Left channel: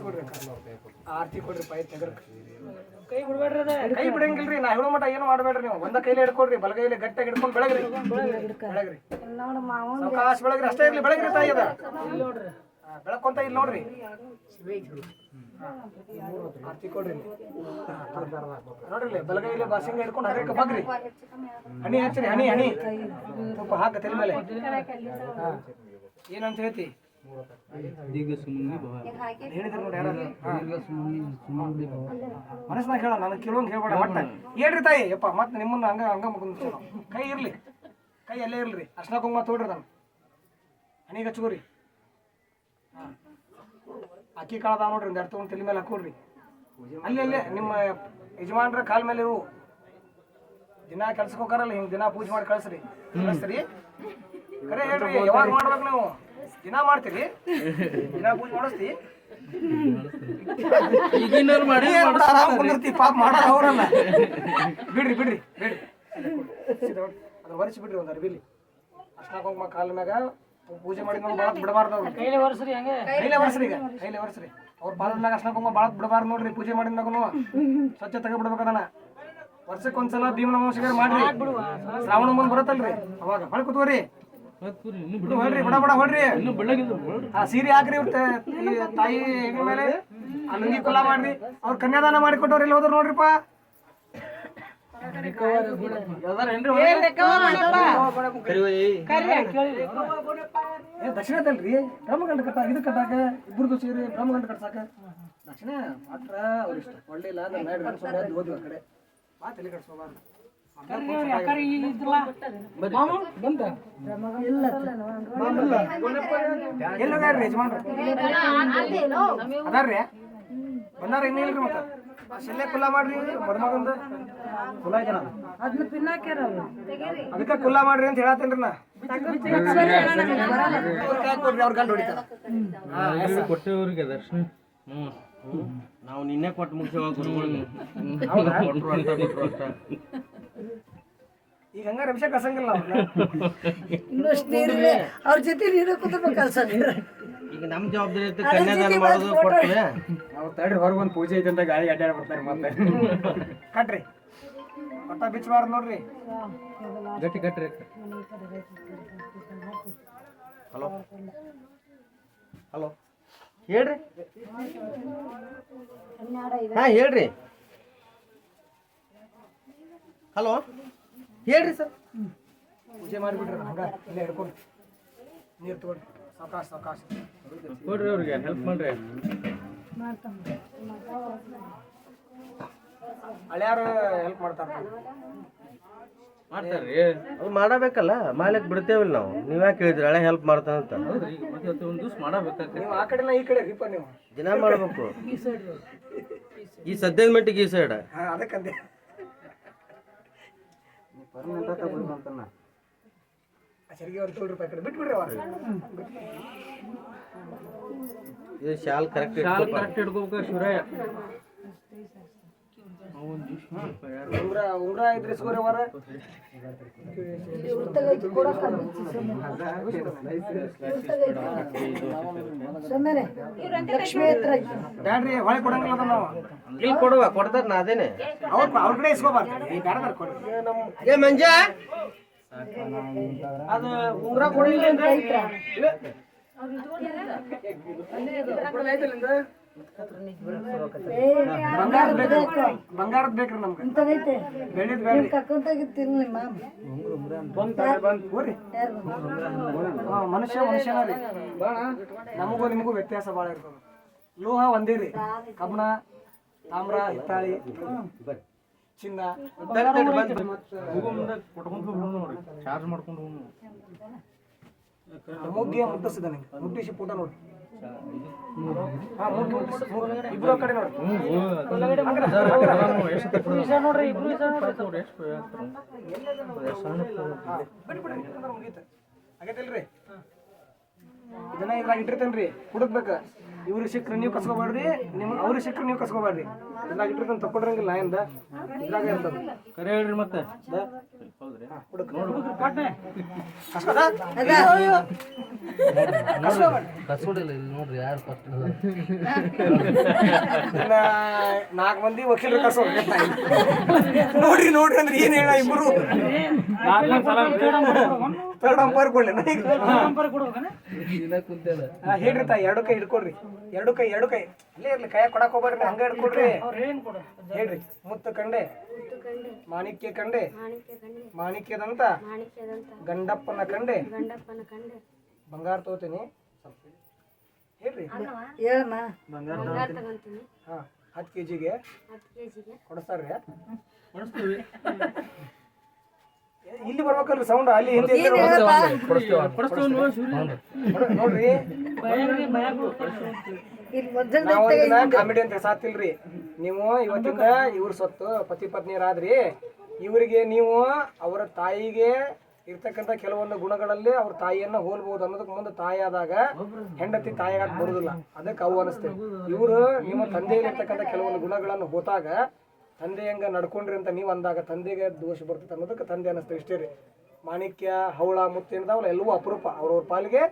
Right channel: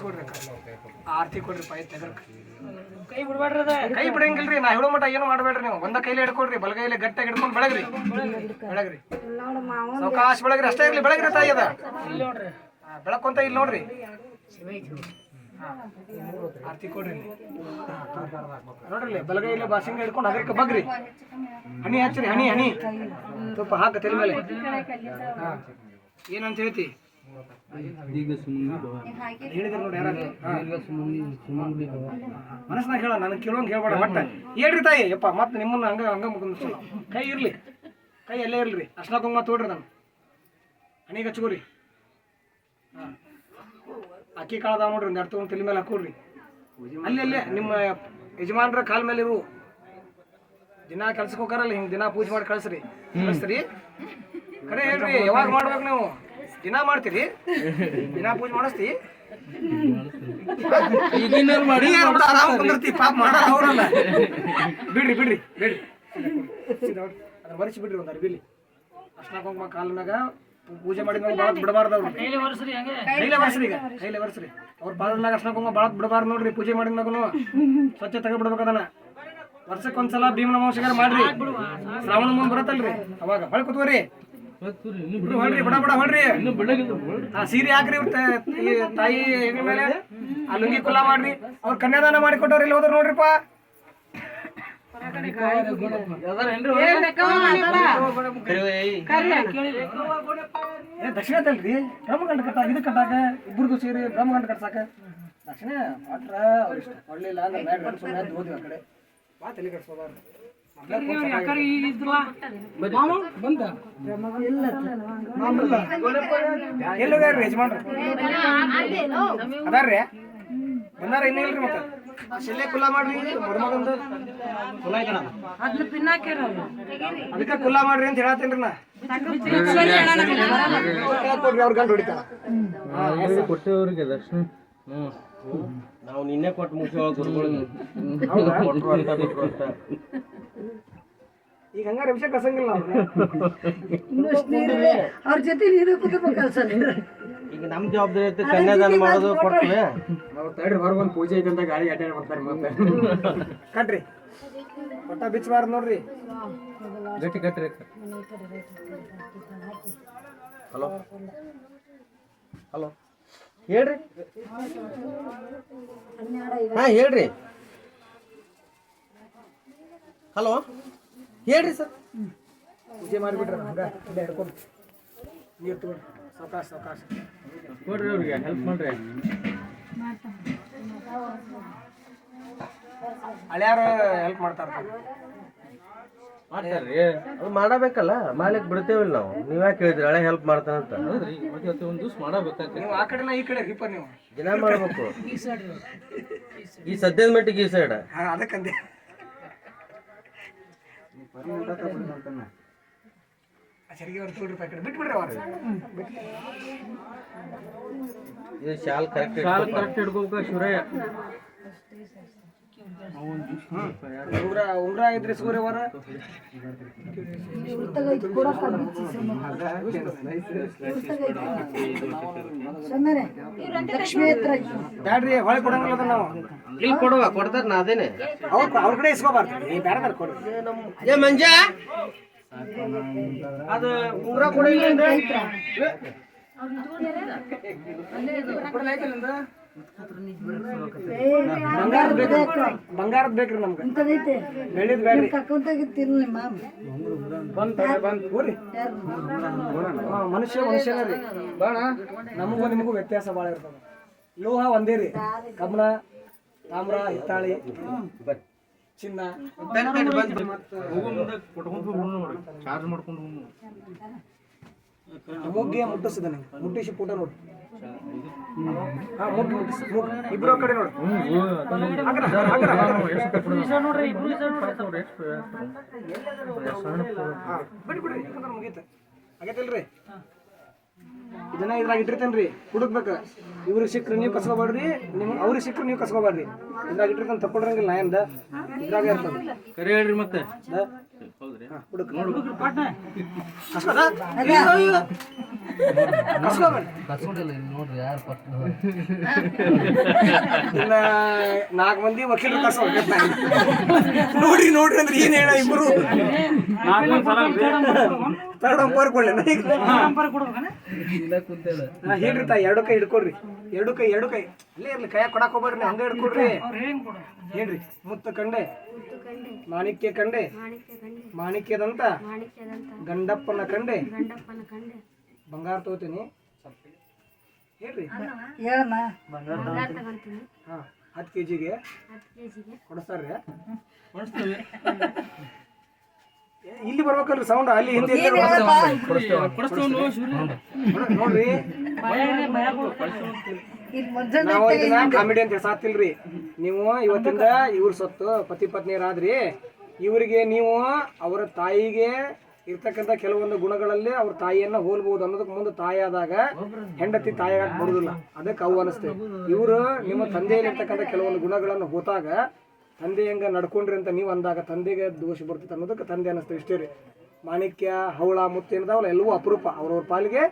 ಅಕ್ಕ. ಆರ್ತಿ ಕೊಡ್ರಿ ಪೈ ತೆಗರ್ಕ ಕೈ ಬಿಡ್ಬೇಡ್ರಿ ಅದ ಕೈ ಬಿಡಂಗಿಲ್ರಿ ನಾ ಹೇಳೋ ಮಟ ಏನು ಮಾಡಬೇಡ್ರಿ ನೀವು. ಒಂದ ಕೈಲಿ ಹಿಡ್ಕೊಡ್ರಿ ಬಲಗೈಲಿ ಗಟ್ಟಾಗಿ ಹಿಡ್ಕೊಂಡು ಬೆಳಗ್ರಿ. ಬೆಳಗ್ರಿ. ಸಾವಕಾಶ ಬೆಳಗ್ರಿ ಅಷ್ಟೇ ಇರ್ಲಿ. ಬೆಳಗ್ರಿ ತಾಯಿ ಅದ. ಬೆಳಕೊಂತ ಇಲ್ಲಿ ನೋಡ್ರಿ. ಆರ್ತಿ ಕೊಡ್ರಿ. ನೋಡ್ರಿ ಬಲಗೈಲಿ ಬಾಸಿಂಗ ಹಿಡ್ಕೊಂಡು ಹಗರಿಕ ಬಗ್ರಿ. ಹನಿ ಹಚ್ಚ್ರಿ ಹನಿ ಹನಿ. ತುಪ್ಪ ಹಾಕ ತಲೆ ಮೇಲೆ. ಹಾ. ಹೇಳಿದ್ರು ನೋಡಿ ಯಾರು ಮನಸ್ನಾಗ ಹೇಳ ನನಗೆ ಕೆಲವೊಂದು ಹೇಳ್ಬೇಡ ಮತ್ತ ಹೇಳ್ರಿ ತಾಯಿ ಯಪ್ಪ ಮತ್ತೆ ನಿಮ್ಮನ್ನ ಹಂಗ ಹಂಗ ಮುಗಿದ್ ಕೈ ಇರ್ಲಿ. ಕೈ ಎಲ್ಲೇ ಇರ್ಲಿ. ಅರ್ಶನ ಕುಂಕುಮ ತೋಡ್ರಿ ನಾನು. ಹಣಿಗೆ ಹಚ್ಕೋರಿ. ಹಾಂ. ಅಕ್ಕಿ ಕಾಳದ ನೋಡ್ರಿ ಒಂದು ಎರಡು ತೊಗೊಂಡು ತಲೆ ಮೇಲೆ ಹಾಕೋರಿ ಅಲ್ಲಿ ಅಲ್ಲೇ ನಿಮ್ಮ ಯಜಮಾನ್ರ ಕಾಲ್ ಮೇಲೆ ಇರು. ದಿನ ಕೆಲ್ಸಕ್ಕೆ ಹೋಗಾರಲ್ಲ ಹಿಂಗೆ ದಿನ ಪೂಜೆ ಮಾಡಿ ಕಳ್ಸ್ರಿ. ಕಳಿಸ್ರಿ. ಕರೆ ಹೇಳ್ರಿ ಯಾವಾಗ ಮಾಡ್ಬೇಕು ನೀವು? ದಿನ ಮಾಡ್ತೀರಿ? ದಿನ ಪೂಜೆ ಮಾಡಿಸ್ತಿ? ಆರಾಮ್ ಕುಂದಿರ್ತಿ ಪಾಪ ಮಾಡಲ್ಲ ಅವರಲ್ಲ ಬಿಡ್ರಿ ಬಿಡ್ರಿ ಬಿಡ್ರಿ. ಅದನ್ನ ಒರೆಸಿ ಬಿಡ್ರಿ ಒಂದು ಅರ್ಬಿಲಿ ಅರ್ಶನ ಕುಂಕುಮ ಕಾಲ ಮ್ಯಾಗ. ಪೂಜೆ ಮಾಡಿದ್ಮೇಲೆ ಭಾಳ ಬಿಡಬಾರ್ದು ಅವ್ರು ಕೈಲೆ ಒರೆಸ್ರಿ ಹೆಂಗೆ. ಕೈಲೇ ಒರೆಸ್ರಿ ಈಗ ಕೈಲೆ ಒರೆಸ್ರಿ. ಅವ್ರ ಪಾದದ ಮ್ಯಾಗ ಅರ್ಶನ ಕುಂಕುಮ ಭಾಳ ಬಿಡಬಾರ್ದು ನೋಡ್ರಿ ಪೂಜೆ ಮಾಡಿದ ಮ್ಯಾಗನು. ಸ್ವಚ್ಛ ತೆಗೆದ್ಬಿಡ್ಬೇಕು ಅದನ್ನ. ವರ್ಷಕ್ಕೆ ಒಂದ್ಸಲ ಭೀಮನ ವಂಶಗಾರ ಮಾಡ್ರಿ. ಶ್ರಾವಣ ಮುಂದೆ ಬರತ್ತಲ್ರಿ ಅವಾಗ ಬಳಕ ಕೂತ್ಕೋರಿ. ಬಿಡು ಹೊಳ್ರಿ ಬಿಡ ಬಿಡ ಹೊಳ್ರಿ ಆ ಸೀರೆ ಹಾಕ್ರಿ ಇವ್ರ ತಾಯಿ ಮೇಲೆ. ಆ ಲುಂಗಿ ಕುಲ್ಲ ಮಾಡ್ರಿ. ಅವ್ರ ಕನ್ಯಾದಾನ ಮಾಡಿ ಕೊಟ್ಟವ್ರು ಇಲ್ಲಿ ಹೋದ್ರು ನೋಡ್ರಿಪ್ಪ. ದಕ್ಷಿಣ ತಲ್ರಿ. ಗಂಡ ಕಟ್ಟಾಕ ಇದು ಕಟ್ಟಾಕ ಇಬ್ಬರದು ಸೇರಿ ಗಂಡ ಕಟ್ಸಾಕ. ದಕ್ಷಿಣ ಮಾತ್ರ ಅವ್ರ ಇಷ್ಟ. ಒಳ್ಳಿಲ್ಲ ಅಂದ್ರೆ ಸುಮ್ಮನೆ ಎದ್ದು ಆ ಕಡೆ. ಬಾ ತಲೆ ಕಟ್ಸೋಬಾರ್ದು ಯಜಮಾನ್ರು? ಅದಾರ್ರಿ? ಬಂದಾರ ಇನ್ನೂ ಇಲ್ರಿ ಮತ್ತೆ? ಆ ಶಿಲೆ ಕುಲ್ಲ ಮಾಡ್ರಿ ಮದುಮಗಂದು ಅದನ್ನ ಪಿನ್ನಾಕ್ಯಾರ ಅದಕ್ಕೆ ಕುಲ್ಲ ಮಾಡ್ರಿ ಅಂತ ಹೇಳತ್ತೇನ್ರಿ ನಾ. ಕೊಡ್ರಿ ಅವ್ರ ಗಂಡು ಹೊಡಿತಾರ ಕೊಟ್ಟೇವ್ರಿಗೆ ದರ್ಶನ ಹ್ಞೂ ನಾವು ನಿನ್ನೆ ಕೊಟ್ಟು ಮುಗಿಸೋ ಗುರುಗಳಿಗೆ ಕೊಟ್ರು ಅಂತ ಬಿಟ್ರು ಅಂತ ಈಗ ಹಂಗಾರೆ ವಿಷಯ ಕಸಂಗಿಲ್ಲ ಇನ್ನಷ್ಟು ನೀರಿದೆ. ಅವ್ರ ಜೊತೆ ನೀರು ಕುದಿರ್ಬೇಕು ಸರ್ ಈಗ ನಮ್ಮ ಜವಾಬ್ದಾರಿ ಐತೆ ಕನ್ಯಾದಾನ ಮಾಡೋದು ಕೊಟ್ರೆ. ಅವ್ರು ತಡ್ರಿ ಹೊರಗೆ ಒಂದು ಪೂಜೆ ಐತೆ ಅಂತ ಗಾಳಿ ಅಡ್ಡಾಡಿ ಬರ್ತಾರೆ ಮತ್ತೆ. ಕಟ್ರಿ. ಪಟ್ಟ ಬಿಚ್ಚಬಾರ್ದು ನೋಡ್ರಿ. ಗಟ್ಟಿ ಕಟ್ರಿ. ಹಲೋ. ಹಲೋ. ಹೇಳ್ರಿ. ಹಾ ಹೇಳ್ರಿ. ಹಲೋ. ಹೇಳ್ರಿ ಸರ್. ಪೂಜೆ ಮಾಡಿಬಿಟ್ರಿ ಹಂಗ ಇಲ್ಲೇ ಹಿಡ್ಕೊಂಡು. ನೀರು ತೊಗೊಂಡು. ಸಾವಕಾಶ ಸಾವಕಾಶ. ಕೊಡ್ರಿ ಅವ್ರಿಗೆ ಹೆಲ್ಪ್ ಮಾಡ್ರಿ. ಹಳ್ಯಾರ ಹೆಲ್ಪ್ ಮಾಡ್ತಾರ ಮಾಡ್ತಾರ್ರಿ. ಅದು ಮಾಡಬೇಕಲ್ಲ ಮಾಡ್ಲಿಕ್ಕೆ ಬಿಡ್ತೇವಿಲ್ಲ ನಾವು. ನೀವ್ ಯಾಕೆ ಹೇಳಿದ್ರಿ ಹಳೆ ಹೆಲ್ಪ್ ಮಾಡ್ತಾನಂತ ಹೌದ್ರಿ ಮತ್ತೆ ಇವತ್ತು ಒಂದು ದಿವ್ಸ ಮಾಡಬೇಕಾಗ್ತದೆ. ನೀವು ಆ ಕಡೆನ ಈ ಕಡೆ ರೀಪ ನೀವು. ದಿನ ಮಾಡ್ಬೇಕು. ಈ ಸದ್ಯದ ಮಟ್ಟಿಗೆ ಈ ಸೈಡ್ ಅದಕ್ಕಂದೆ ಆ ಸರಿಗೆ ಅವ್ರು ಈ ಕಡೆ. ಬಿಟ್ಬಿಡ್ರಿ ಅವ್ರು. ಇದು ಶಾಲ್ ಕರೆಕ್ಟ್ ಶಾಲ್ ಕರೆಕ್ಟ್ ಹಿಡ್ಕೋಬೇಕು ಶಿವರಾಯ ಉಂಗ್ರ ಇದ್ರಿ ಸೂರ್ಯವರ ಬ್ಯಾಡ್ರಿ ಹೊಳೆ ಕೊಡಂಗಿಲ್ಲ ನಾವು ಇಲ್ಲಿ ಕೊಡುವ ಕೊಡ್ತಾರ ನಾ ಅದೇನೆ ಅವ್ರ ಅವ್ರ ಕಡೆ ಇಸ್ಕೋಬಾರ್ದು ಕೊಡ್ರಿ ಏ ಮಂಜ ಅದ ಉಂಗ್ರ ಕೊಡಿಲ್ಲ ಬಂಗಾರದ ಬೇಕ್ರಿ ಬಂಗಾರದ ಬೇಕ್ರಿ ನಮ್ಗೆ. ಇಂಥದೈತೆ ಬೆಳ್ಳಿದ್ ಬೇಡ ನಿಮ್ಮ ಬಂದ್ ತಗೊಳ್ಳಿ, ಬಂದ್. ಹೋರಿ. ಮನುಷ್ಯ ಮನುಷ್ಯನ ರೀ. ನಮಗೂ ನಿಮಗೂ ವ್ಯತ್ಯಾಸ ಭಾಳ ಇರ್ತದ. ಲೋಹ ಒಂದೇ ರೀ. ಕಬ್ಬಣ ತಾಮ್ರ ಹಿತ್ತಾಳಿ ಚಿನ್ನ. ಹೋಗೋ ಮುಂದೆ ಕೊಟ್ಕೊಂತ ಹೋಗ್ಬಿಡು ನೋಡಿ ಚಾರ್ಜ್ ಮಾಡ್ಕೊಂಡು ಮುಟ್ಟಿಸಿ ಪುಟ ನೋಡಿ ಇಬ್ರು ಕಡೆ ನೋಡಿ ಇದನ್ನ ಇದ್ರಾಗ ಇಟ್ಟಿರ್ತೇನ್ರಿ ಹುಡುಕ್ಬೇಕು ಇವ್ರಿಗೆ ಸಿಕ್ಕರೆ ನೀವು ಕಸ್ಕೋಬೇಡ್ರಿ ನಿಮ್ ಅವ್ರಿಗೆ ಸಿಕ್ಕರೆ ನೀವು ಕಸ್ಕೋಬೇಡ್ರಿ ಇದ್ರಾಗ ಇಟ್ಟಿರ್ಕೊಂಡು ತಕ್ಕೊಂಡಿರಂಗಿಲ್ಲ ನಾ ಎಂದ ಇದ್ರಾಗ ಇರ್ತದೆ ಕರೆ ಹೇಳ್ರಿ ಮತ್ತೆ. ನೋಡ್ರಿ ಯಾರು ನಾಲ್ಕು ಮಂದಿ ವಕೀಲರು ಕರ್ಸೋ ನೋಡ್ರಿ ನೋಡ್ರಿ ಅಂದ್ರೆ ಏನ್ ಹೇಳ ಇಬ್ರು? ತರ್ಡ್ ಅಂಪೈರ್ ಕೊಡ್ಲಿ ಹಾ ಹೇಳ್ರಿ ತಾಯಿ ಎರಡು ಕೈ ಹಿಡ್ಕೊಡ್ರಿ. ಎರಡು ಕೈ ಎರಡು ಕೈ. ಅಲ್ಲೇ ಇರ್ಲಿ ಕೈಯಾಗ ಕೊಡಕ್ ಹೋಗ್ಬೇಡ್ರಿ ಹಂಗ ಹಿಡ್ಕೊಡ್ರಿ. ಹೇಳ್ರಿ ಮುತ್ತ ಕಂಡೆ. ಮಾಣಿಕ್ಯ ಕಂಡೆ. ಮಾಣಿಕ್ಯದಂತ ಗಂಡಪ್ಪನ ಕಂಡೆ. ಬಂಗಾರ ತಗೋತೀನಿ. ಹೇಳ್ರಿ. ಹೇಳಮ್ಮ. ಹಾ ಹತ್ತು ಕೆ ಜಿಗೆ ಕೊಡಿಸ್ತಾರ್ರಿ. ಇಲ್ಲಿ ಬರ್ಬೇಕಲ್ರಿ ಸೌಂಡ್ ಅಲ್ಲಿ ಹಿಂದೆ ನೋಡ್ರಿ- ನಾವು ಇದನ್ನ ಕಾಮಿಡಿ ಅಂತ ಸಾತಿಲ್ರಿ. ನೀವು ಇವತ್ತಿಂದ ಇವ್ರ ಸೊತ್ತು ಪತಿ ಪತ್ನಿಯರಾದ್ರಿ. ಇವರಿಗೆ ನೀವು ಅವರ ತಾಯಿಗೆ ಇರ್ತಕ್ಕಂಥ ಕೆಲವೊಂದು ಗುಣಗಳಲ್ಲಿ ಅವ್ರ ತಾಯಿಯನ್ನ ಹೋಲ್ಬಹುದು ಅನ್ನೋದಕ್ಕೆ ಮುಂದೆ ತಾಯಿ ಆದಾಗ ಹೆಂಡತಿ ತಾಯಿಯಾಗಿ ಬರುದಿಲ್ಲ. ಅದಕ್ಕೆ ಅವು ಅನಿಸ್ತೇವೆ ಇವರು ನಿಮ್ಮ ತಂದೆಯಲ್ಲಿರ್ತಕ್ಕಂಥ ಕೆಲವೊಂದು ಗುಣಗಳನ್ನು ಹೋತಾಗ ತಂದೆ ಹೆಂಗ ನಡ್ಕೊಂಡ್ರಿ ಅಂತ ನೀವು ಅಂದಾಗ ತಂದೆಗೆ ದೋಷ ಬರ್ತೈತೆ ಅನ್ನೋದಕ್ಕೆ ತಂದೆ ಅನ್ನಿಸ್ತು. ಇಷ್ಟೇ ರೀ. ಮಾಣಿಕ್ಯ ಹವಳ ಮುತ್ತು ಏನಿದಾವಲ್ಲ ಎಲ್ಲವೂ ಅಪರೂಪ. ಅವ್ರವ್ರ ಪಾಲಿಗೆ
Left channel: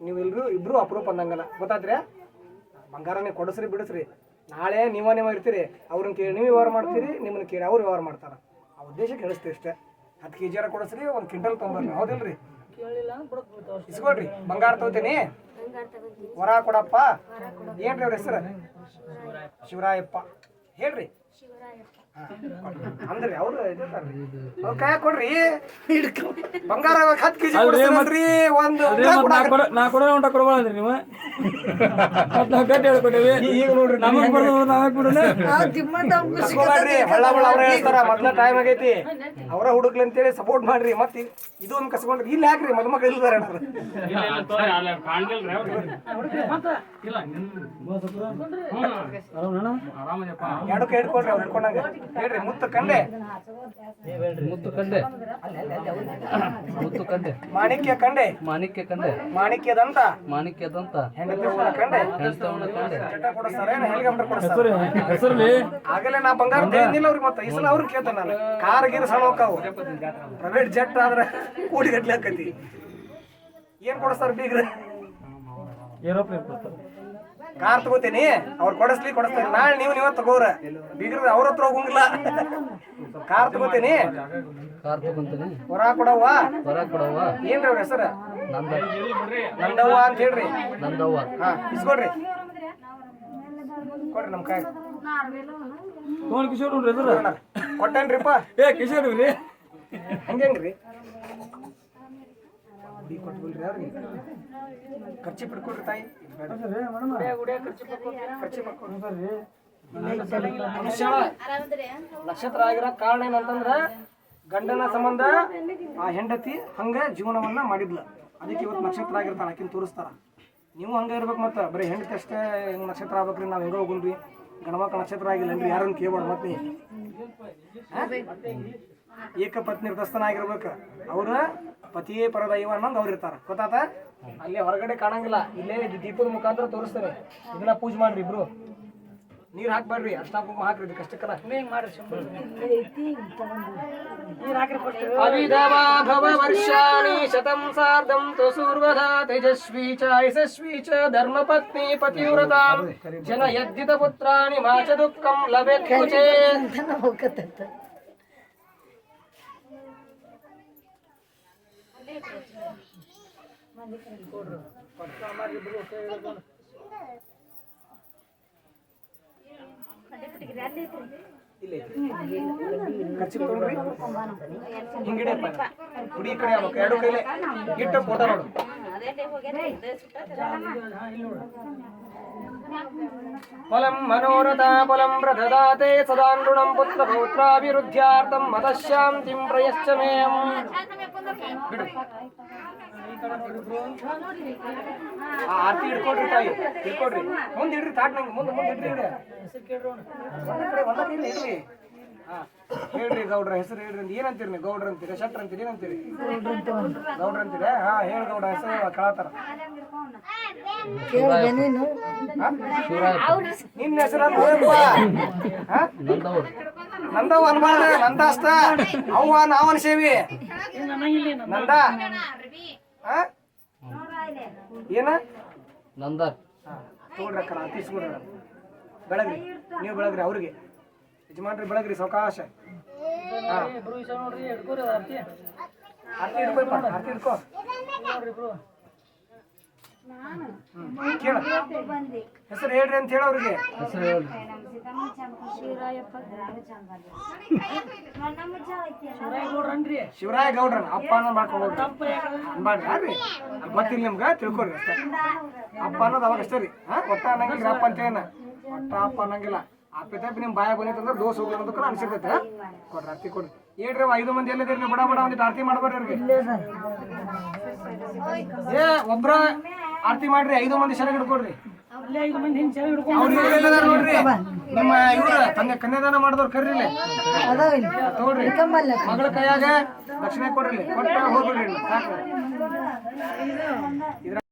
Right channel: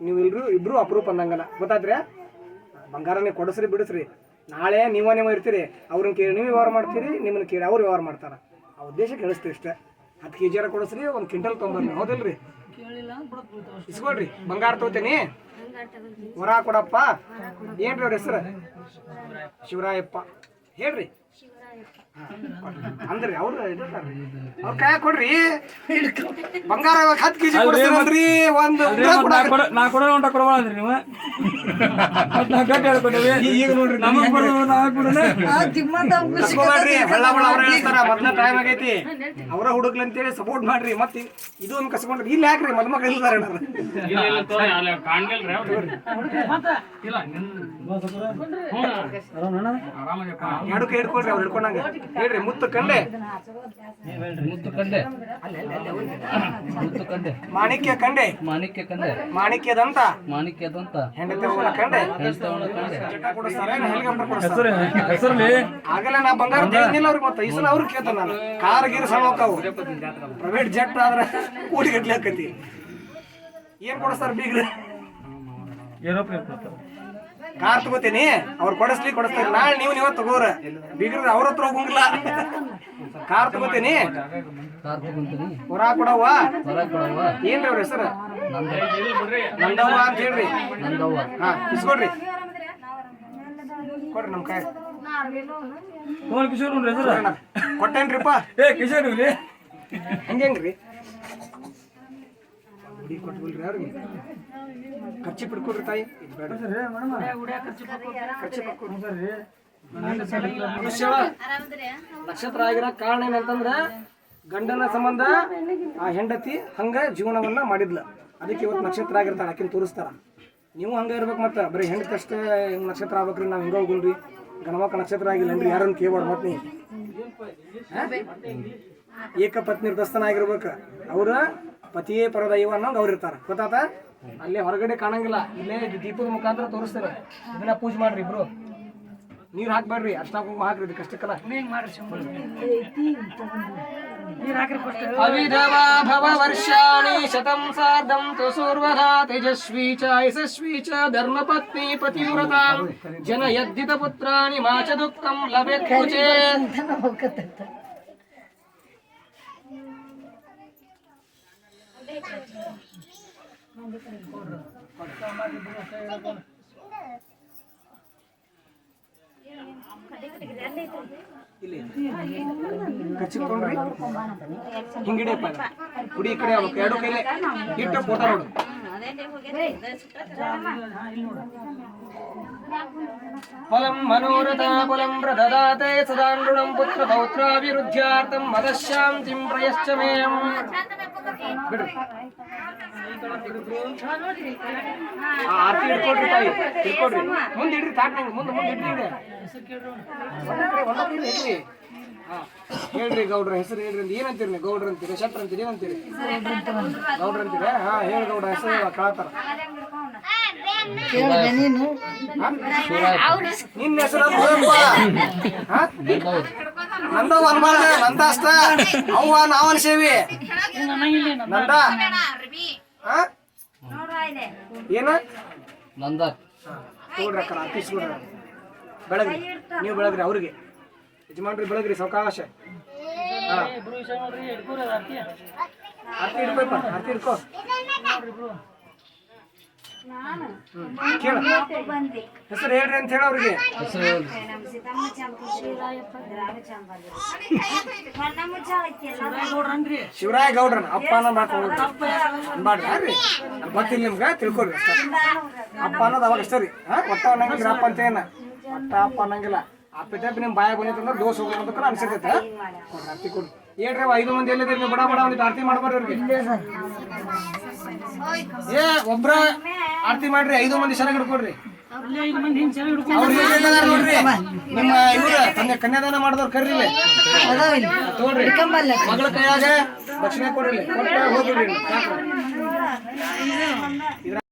ನೀವು ಎಲ್ರು ಇಬ್ರು ಅಪರೂಪ ಅಂದಂಗನ ಗೊತ್ತಾದ್ರೆ ಬಂಗಾರನೇ ಕೊಡಿಸ್ರಿ ಬಿಡಿಸ್ರಿ. ನಾಳೆ ನೀವ ನೀವ ಇರ್ತೀರಿ. ಅವ್ರನ್ನ ಕೇಳಿ ನೀವು ವ್ಯವಹಾರ ಮಾಡ್ತೀರಿ ನಿಮ್ಮನ್ನ ಕೇಳಿ ಅವ್ರು ವ್ಯವಹಾರ ಮಾಡ್ತಾರ. ಆ ಉದ್ದೇಶ ಕೇಳಿಸ್ತೀವಿ ಇಷ್ಟೇ. ಹತ್ತು ಕೆ ಜಿಯಾರ ಕೊಡಿಸ್ರಿ ಒಂದು ಕ್ವಿಂಟಲ್ ತೊಗೊಂಬರ್ರಿ ಹೌದಿಲ್ರಿ? ಇಸ್ಕೊಳ್ರಿ. ಬಂಗಾರ ತಗೋತೀನಿ. ವರ ಕೊಡಪ್ಪ. ಏನ್ರಿ ಅವ್ರ ಹೆಸರು? ಶಿವರಾಯಪ್ಪ. ಹೇಳ್ರಿ. ಅಂದ್ರಿ ಅವ್ರು ಅವ್ರ ಕೈ ಕೊಡ್ರಿ. ಬಂಗಾರ ಹತ್ತು ಕೆಜಿ ಕೊಡ್ರಿ ಒಂದು. ನಾ ಕೊಡೋ ಉಂಟ ಕೊಡಬಾರ್ದ್ರಿ ನೀವು? ಮತ್ತ್ ನಾವ್ ಗಟ್ಟಿ ಹೇಳ್ಕೊಟ್ಟೇವಿ ಈಗ ನೋಡ್ರಿ ನಮಗ್ ಕೊಡೋದು ನಾವೇ ಕೊಡೋಣ. ಕಸ್ಕೋಬೇಡ್ರಿ ಹಳ್ಳ ಬಳ್ಳ ಅವ್ರ ಹೇಳ್ತಾರ ಮೊದ್ಲ ಟೈಮ್ ಆಗೈತಿ. ಅವರ ಹುಡುಗ್ಲಿ ಅಂತೇಳಿ ಸಪೋರ್ಟ್ ಮಾಡ್ರಿ ಮತ್ತೆ ಇದು ಒಂದು ಕಸ್ಕೊಂಡ್ರಿ. ಇಲ್ಲಿ ಹಾಕ್ರಿ ಮದ್ಮಕ್ಳು ಇಲ್ದಾರ ಏನಾರ ಎರಡು ಕೈ ಹಿಡ್ಕೊಳ್ರಿ ಅವ್ರು ಹೇಳ್ರಿ ಮುತ್ತು ಕಂಡೆ. ಮುತ್ತು ಕಂಡೆ. ಮುತ್ತು ಕಂಡೆ. ಮಾಣಿಕ್ಯ ಕಂಡೆ. ಮಾಣಿಕ್ಯ ಕಂಡೆ. ಮಾಣಿಕ್ಯದಂತ. ಮಾಣಿಕ್ಯದಂತ. ಹೆಂಡತಿ ಹೂವನ ಕಂಡೆ. ಹೆಂಡತವನ ಕಂಡೆ. ಚಟ ಕೊಡಿಸ್ತಾರ ಏನ್ ಹೆಲಿಕಾಪ್ಟರ್ ಕೊಡಿಸ್ತಾರ? ಹೆಸರಲ್ಲಿ? ಆಗಲೇ ನಾ ಬಂಗಾರ ತಿಳಿದಿಲ್ಲ ಅವ್ರಿಗೆ ಮತ್ತೆ ಈ ಸಲ ಅವ್ರಿಗೆ ಕೇಳ್ತಾನ ನಾನು. ಕಾರ್ ಗೀರ್ ಸಣ್ಣ ಹೋಗ್ತಾವು. ಪ್ರೈವೇಟ್ ಜೆಟ್ ಆದ್ರೆ ಕೋಟಿ ಗಟ್ಲೆ ಹಾಕತಿ ಏನ್ ಕೊಡಿಸ್ತಾರೆ ಬೀಗ್ರೆ? ಏರೋಪ್ಲೇನ್ ಕೊಡ್ತಾರೆ. ಕಾರ್ ತಗೋತೀನಿ ಅವ್ರು ಕೊಡಿಸ್ಲಿ ಕೊಡಿಸ್ತಾರೆ ನಾಳೆ ನೀವು ನೀವ ತಗೋರ. ಬೀಗ್ರ ಅವ್ರ ಹತ್ರ ಹೋಗಂಗಿಲ್ಲ. ಕಾರ್ ತಗೋತೀನಿ. ಕಾರ್ ತಗೊಂತೀನಿ ಹೊರ ಕೊಡವ್ವ. ಹೊರ ಕೊಡವ್ವ ಏನ್ರಿ ಅವ್ರ ಹೆಸರು? ನಂದ ನಂದವ್ವ ಅಂತ ಹೇಳ್ರಿ. ನಂದವ್ವ ಹಾ ಇಸ್ಕೊಡ್ರಿ ಕೊಡ್ರಿ ನಮ್ ಕೈ ತೋನ್ ಕಿಶೋರ್ ನೋಡ್ರಿ ಹೆಸರು. ಕೊಟ್ಟೇನ್ರಿಪ್ಪ? ಏ ಕಿಶೋರ್ ಇವ್ರಿ. ಹಂಗೇನ್ರಿ ಹುಡಿ ಕೊಟ್ಬಿಲ್ರಿ ಅವ್ರಿಗೆ ಖರ್ಚು ಪಡ್ಕೊಡ್ರಿ ತಾಯಿ. ಖರ್ಚಿ ಬಿಟ್ಕೊಡ್ರಿ. ಮನುಷ್ಯ ನಕ್ಷತ್ರ ಆಗಿರೋ ಕಾರಣ ಏನಂತಂದ್ರ ಗಂಡನ ಸಂಬಂಧ ಆ ಹೆಂಡತಿ ಹಂಗ ಜೀವನವನ್ನ ಮಾಡಿದ್ಲ. ಅದಕ್ಕೆ ಇವತ್ತು ನಕ್ಷತ್ರ ಆಗಿರ್ತಾಳೆ ಆಕಿನ ತೋರಿಸ್ತಾರ. ನೀವು ಹಂಗ ಇರ್ಬೇಕು ಮತ್ತೆ. ಬರೀ ಹೆಂಡತಿ ಅಷ್ಟೇ ಹಿಂಗ್ ನಕ್ಷತ್ರ ಆಗ್ಬೇಕ್ರಿ ನಾವ್ ಹೆಂಗ ಹೋಗಲ್ರಿ? ಗಣಮಕ್ಕ ನಕ್ಷತ್ರ ಆಗಿಲ್ಲನ್ರಿ ಯಾರನ್ನ ಕೇಳ್ಬಾರ್ದು ಮತ್ತೆ ನೀ. ಹಾ? ಏಕಪತ್ನಿ ದಸ್ತನ ಆಗಿರ್ಬೇಕು. ಅವ್ರ ಪತಿಯೇ ಪರದೈವ ಅನ್ನೋಂಗ್ ಅವ್ರು ಇರ್ತಾರ ಗೊತ್ತಾತ ಅಲ್ಲಿ ಹೊರಗಡೆ ಕಾಣಂಗಿಲ್ಲ ಇಲ್ಲೇ ಇದು ದೀಪದ ಮುಖಾಂತರ ತೋರಿಸ್ತೇನೆ ಇದನ್ನ ಪೂಜೆ ಮಾಡ್ರಿ ಇಬ್ರು ನೀರ್ ಹಾಕ್ಬೇಡ್ರಿ ಅರ್ಶನ ಕುಂಕುಮ ಹಾಕ್ರಿ ಇದಕ್ಕೆ ಅಷ್ಟಕ್ಕಲ್ಲ ಹಿಂಗ್ ಮಾಡ್ರಿ ಸಿಂಪಲ್ ನೀರ್ ಹಾಕ್ರಿ ಫಸ್ಟ್ ಅವಿಧವಾ ಭವ ವರ್ಷಾಣಿ ಶತಂ ಸಾರ್ಧಂ ತು ಸೂರ್ವಧಾ ತೇಜಸ್ವಿ ಚ ಯಶಸ್ವಿ ಚ ಧರ್ಮಪತ್ನಿ ಪತಿವ್ರತಾಂ ಜನ ಯದ್ದಿತ ಪುತ್ರಾಣಿ ಮಾ ಚ ದುಃಖಂ ಲಭೆತ್ ಕುಚೇ ಹೋಗತ್ತಂತ ಇಲ್ಲಿ ಕಚ್ಚಿ ತಗೊಂಡ್ರಿ ಹಿಂಗಿಡಿಯಪ್ಪ ಕುಡಿ ಈ ಕಡೆ ಆಗ್ಬೇಕು ಎರಡು ಕೈಲೆ ಇಟ್ಟು ಫೋಟೋ ನೋಡು ಫಲಂ ಮನೋರಥ ಫಲಂ ಪ್ರದದಾತೆ ಸದಾಂಡುಣಂ ಪುತ್ರ ಪೌತ್ರಾಭಿವೃದ್ಧ್ಯಾರ್ಥಂ ಮದಶಾಂತಿಂ ಪ್ರಯಶ್ಚ ಮೇಯಂ ಬಿಡ್ರಿ ಆ ಆರ್ತಿ ಹಿಡ್ಕೊಡ್ರಿ ತಾಯಿ ಹಿಡ್ಕೊಡ್ರಿ ಮುಂದೆ ಇಡ್ರಿ ತಾಟ್ ನೋಡ್ರಿ ಮುಂದೆ ಮುಂದೆ ಇಡ್ರಿ. ಇಡ್ರಿ. ಒಂದ ಕಡೆ ಒಂದ ಕಡೆ ಇಡ್ರಿ. ಹಾ ಹೇಳ್ರಿ ಗೌಡ್ರ ಹೆಸರು ಹೇಳ್ರಿ ಅಂತ. ಏನಂತೀರಿ ನೀವು? ಗೌಡ್ರ ಅಂತೀರಿ ಶಟ್ರ ಅಂತೀರಿ ಏನಂತೀರಿ? ಗೌಡ್ರ ಅಂತೀರಿ? ಹಾ ಹೇಳಿ ಗೌಡ್ರ ಹೆಸರು ಕಳತಾರ. ನಿನ್ನ ಹೆಸರು ನಂದವ್ ಅನ್ಬಾರ್ದ ನಂದ ಅಷ್ಟ ಅವ್ವ ನಂದ? ಹಾ? ಏನ? ನಂದ. ತಗೊಳ್ರಿ ಅಕ್ಕ ಆಫೀಸ್ ಬೆಳಗ್ರಿ. ನೀವು ಬೆಳಗ್ರಿ ಅವ್ರಿಗೆ. ಯಜಮಾನ್ರಿ ಬೆಳಗ್ರಿ ಸಾವಕಾಶ. ಹಾ. ಆರ್ತಿ ಹಿಡ್ಕೊಪ್ಪ ಆರ್ತಿ ಹಿಡ್ಕೋ. ಹ್ಮ್. ಕೇಳ. ಹೆಸರು ಹೇಳ್ರಿ ಅಂತ ಹೇಳ ಅವ್ರಿಗೆ. ಶಿವರಾಯ ಗೌಡ್ರನ್ ಅಪ್ಪ ಅನ್ನೋ ಮಾಡ್ಕೊಂಡು ಅದ್ ಗೊತ್ತಿಲ್ಲ ನಿಮ್ಗೆ ತಿಳ್ಕೊರಿ ಅಷ್ಟೇ. ಅಪ್ಪ ಅನ್ನೋದು ಅವಾಗ ಅಷ್ಟೇ ರೀ. ಹಾ, ಒಟ್ಟ ಅನ್ನಂಗಿಲ್ಲ ಅಪ್ಪ ಅಂತ ಏನ. ಒಟ್ಟ ಅಪ್ಪ ಅನ್ನಂಗಿಲ್ಲ. ಅಪ್ಪ ತಪ್ಪಿ ನಿಮ್ ಬಾಯ ಬಂದೈತೆ ಅಂದ್ರೆ ದೋಸ್ ಹೋಗ್ಲಿ ಅಂತ ಅನ್ಸಿರ್ತೈತೆ. ಕೊಡ್ರಿ ಅರ್ತಿ ಕೊಡ್ರಿ. ಏನ್ರಿ ಐದು ಮಂದಿ ಎಲ್ಲಿದ್ದೀರಿ ನೀವು? ಬಡ ಬಡ, ಒಂದಿಟ್ಟು ಆರತಿ ಮಾಡ್ಬಾರ್ರಿ ಅವ್ರಿಗೆ. ಏ, ಒಬ್ರ ಆರತಿ ಮಾಡ್ರಿ, ಐದು ಮಂದಿ ಸರ ಹಿಡ್ಕೊಡ್ರಿ ನಿಮ್ಮ ಇವ್ರ ಕನ್ಯಾ ಕನ್ಯಾದಾನ ಮಾಡಿದವ್ರು. ಅದಾವ ತಗೊಳ್ರಿ ಮಗಳ ಕೈಯಾಗ ದಕ್ಷಿಣ ಕೊಡ್ರಿ. ಕೊಟ್ಟ ಹೋಗ್ಬಿಡ್ರಿ